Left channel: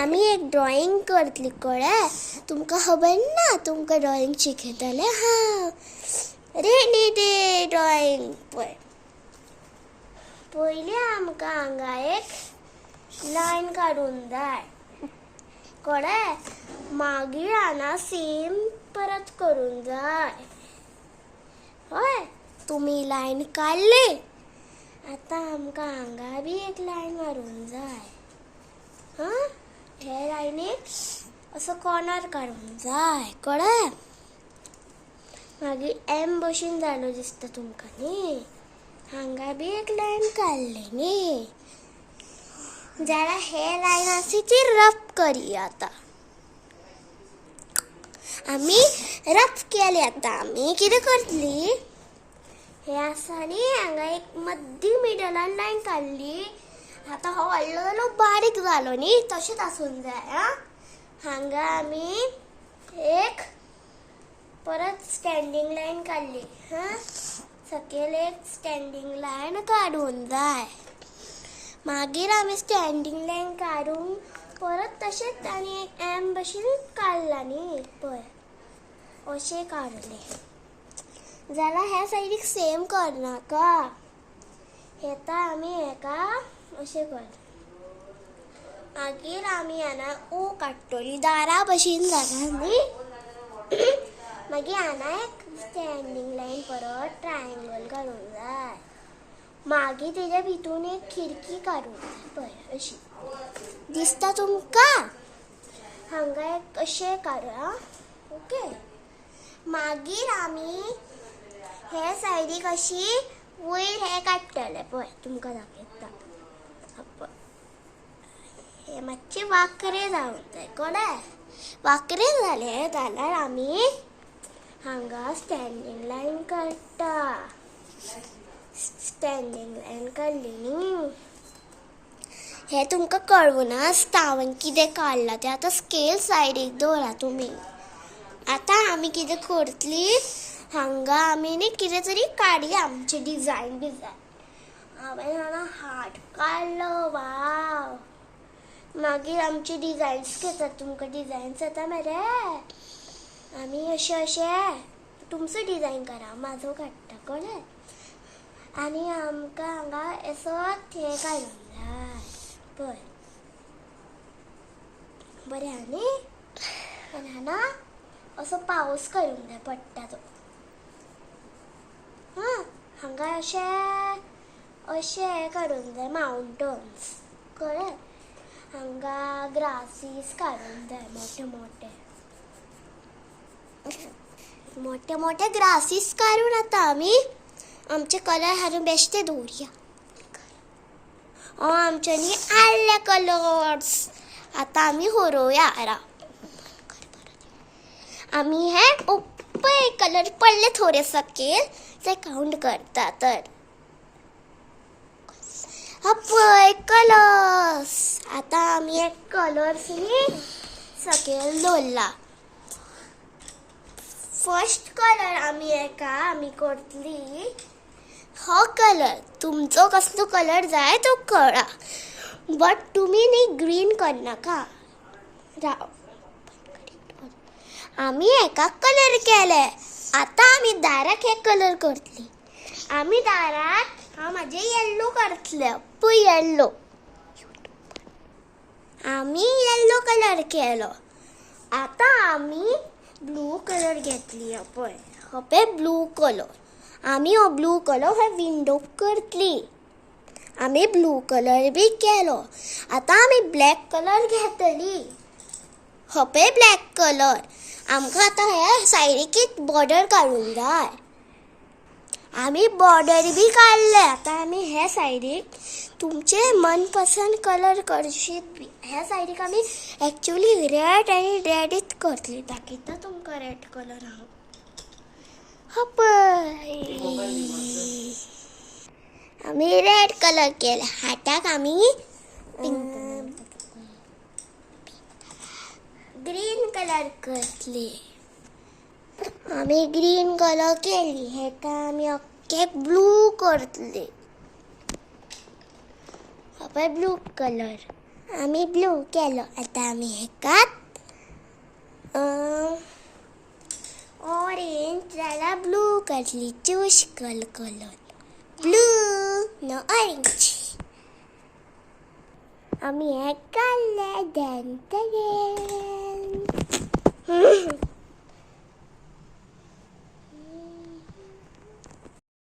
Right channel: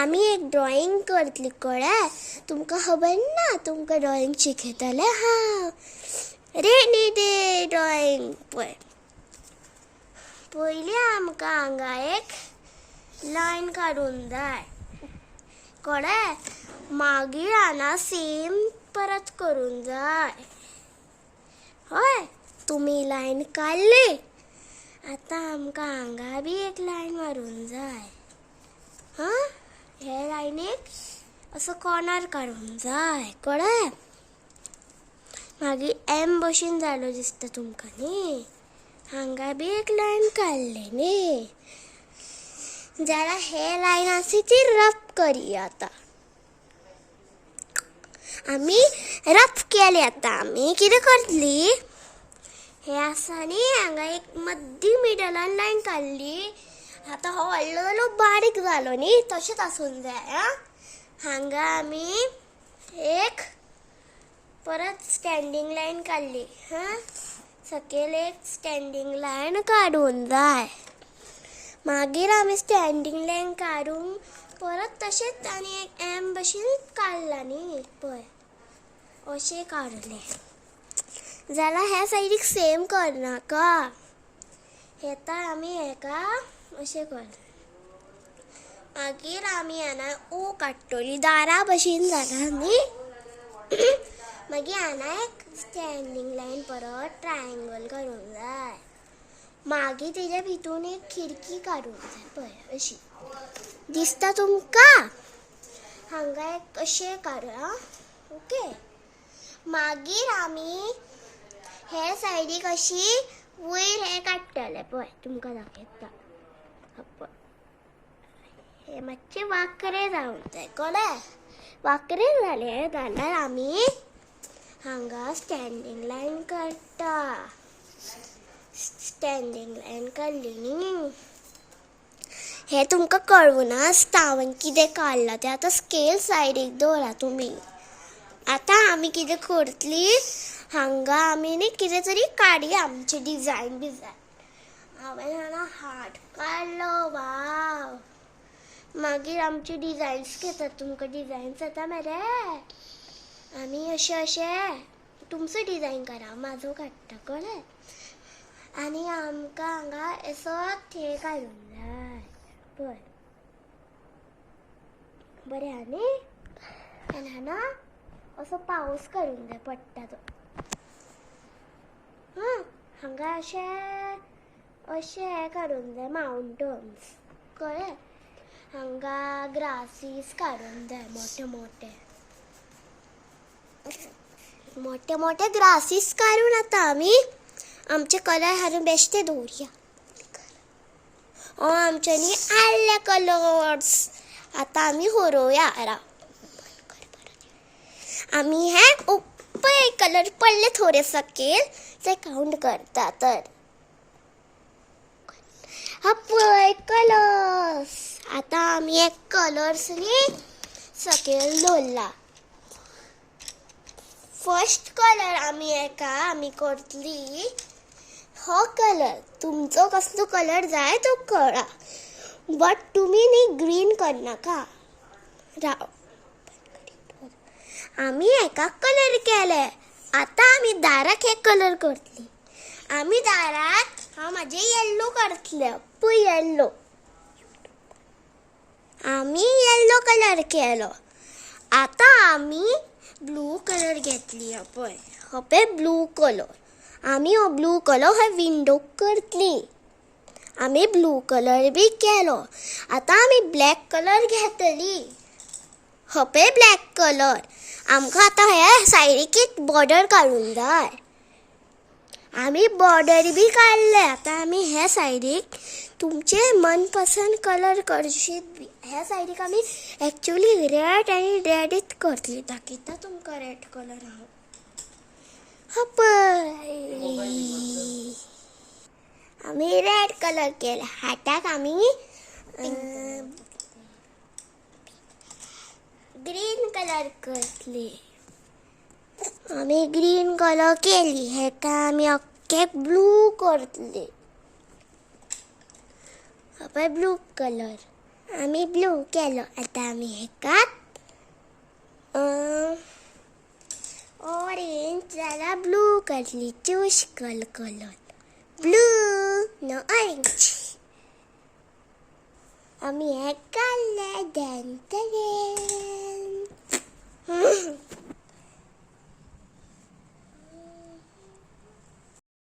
आम्ही एक ड्रॉइंग करतली कळ्ळें तुमकां खबर ना तुमकां ड्रॉइंग शिकयतले हा रेनी डे ड्रॉइंग पळय पयलीं आमकां हांगा एक लायन काडून जाय कळ्ळें मागीर हांगा सेम परत करून जाय हय तुम्ही लायन काडली आतां आमकां हांगा बी एक लायन मारून जाय हा हे लायनीक असो कॉर्नर काडून जाय कळ्ळें मागीर एम भशेन जालो दिसता तुमकां न्ही हांगा बी एक लायन काडली न्ही जाल्यार हे लायन आसा ती रफ करुया आतां आमी रफ केली आतां आमी कितें करतली हे आसा न्ही हांगा एक मद्दी मिडलान लायन काडली आतां हो व्हडलो बारीक जालो न्ही तशेंच आसूंक जाय हांगा आमी एक परत स्टँडींग लायन काडली सकयल एक स्टँडींग लायन काडून जाय मागीर आमी स्टँडींग लायन काडून परत तशेंच आनी एक एम भशेन काडला न्ही पळय अशें काडलें जाल्यार ह्या सायडीक सेम करनाका हेता आमी हेका अशें कर मागीर आमी हांगा ओ काडटली दारा भशेन जाता न्ही मागीर हांगा एक स्टँडींग लायन परत ट्रायंगल काडूंक जाय मागीर तेज्या भितून एक खिडकी काडूंक जाय पळय अशी दिसता तुमकां हांगा एक अशें काडूया ओके मागीर आमी हे सायडीक अशी वयर हे काडटले पळय तुमकां दाखयता हे मातशे वांकरे जावंक जाय कळ्ळें वांकरे जाले जाल्यार आमी हांगा स्टँडींग लायन काडटा स्टँडींग लायन काडली न्ही हे तुमकां कळूना आसता हांवें कितें काडलां तें आतां स्केल सायडीक दवरा तुमी आतां आमी कितें करतली हांगा आमी न्ही कितें तरी काडया आमची डिजायन हांवें हांगा हार्ट काडलो वाव मागीर आमची डिजायन्स घेतात तुमकां डिजायन्स येता मरे आमी अशें तुमचो डिजायन करा म्हाजो काडटा कळ्ळें आनी आमकां हांगा असो हे काडूंक जाय पळय बरें आहा न्ही आनी हांगा असो पावस काडूंक जाय पडटा तो हांगा अशें काडूंक जाय माउंटन्स कळ्ळें हांगा ग्रासीस काडूंक जाय मोठे मोठे ग्रासीस काडून आतां आमी आमचे कलर हाडून बेश्टे दवरया आमचे न्ही आडले कलर्स आतां आमी हरोवया आमी हे पळय कलर पडले थोडे सकयल ते काउंट करता तर पळय कलर्स आतां आमी एक कलर्स न्ही सकयल दवरला फर्स्ट कलर आमी करतली हो कलर तुमचो कसलो कलर जाय तो कळा बट तुमी न्ही ग्रीन करनाका राव आमी हेका कलर केले आतां आमी दाराक हे कलर करतली आमी दाराक म्हाजे येल्लो करतले पळय येल्लो आमी येल्लो कलर केलो आतां आमी ब्लू कलर घेतली पळय हो पळय ब्लू कलर आमी हो ब्लू कलर हे विंडोक करतली आमी ब्लू कलर बी केलो आतां आमी ब्लॅक कलर घेतली हो पळय ब्लॅक कलर आमकां आतां ह्या सायडीक एक बॉर्डर काडूंक जाय आमी बॉर्डर बी काडले आतां आमी ह्या सायडीक तुमचे मनपसंद कलर करशीत बी ह्या सायडीक आमी एक्चुअली रेड आनी रेडीच करतली दाखयता तुमकां रेड कलर हांव पळय आमी रेड कलर केले हाताक आमी ग्रीन कलर करतली आमी ग्रीन कलर केली हेका आमी अख्खे ब्लू करतली पळय ब्लू कलर आम्ही ब्लू केलो. आता आम्ही हेकात ऑरेंज त्याला ब्लू करली. चूज कलर ब्लू न ऑरेंज. आम्ही हे काढले.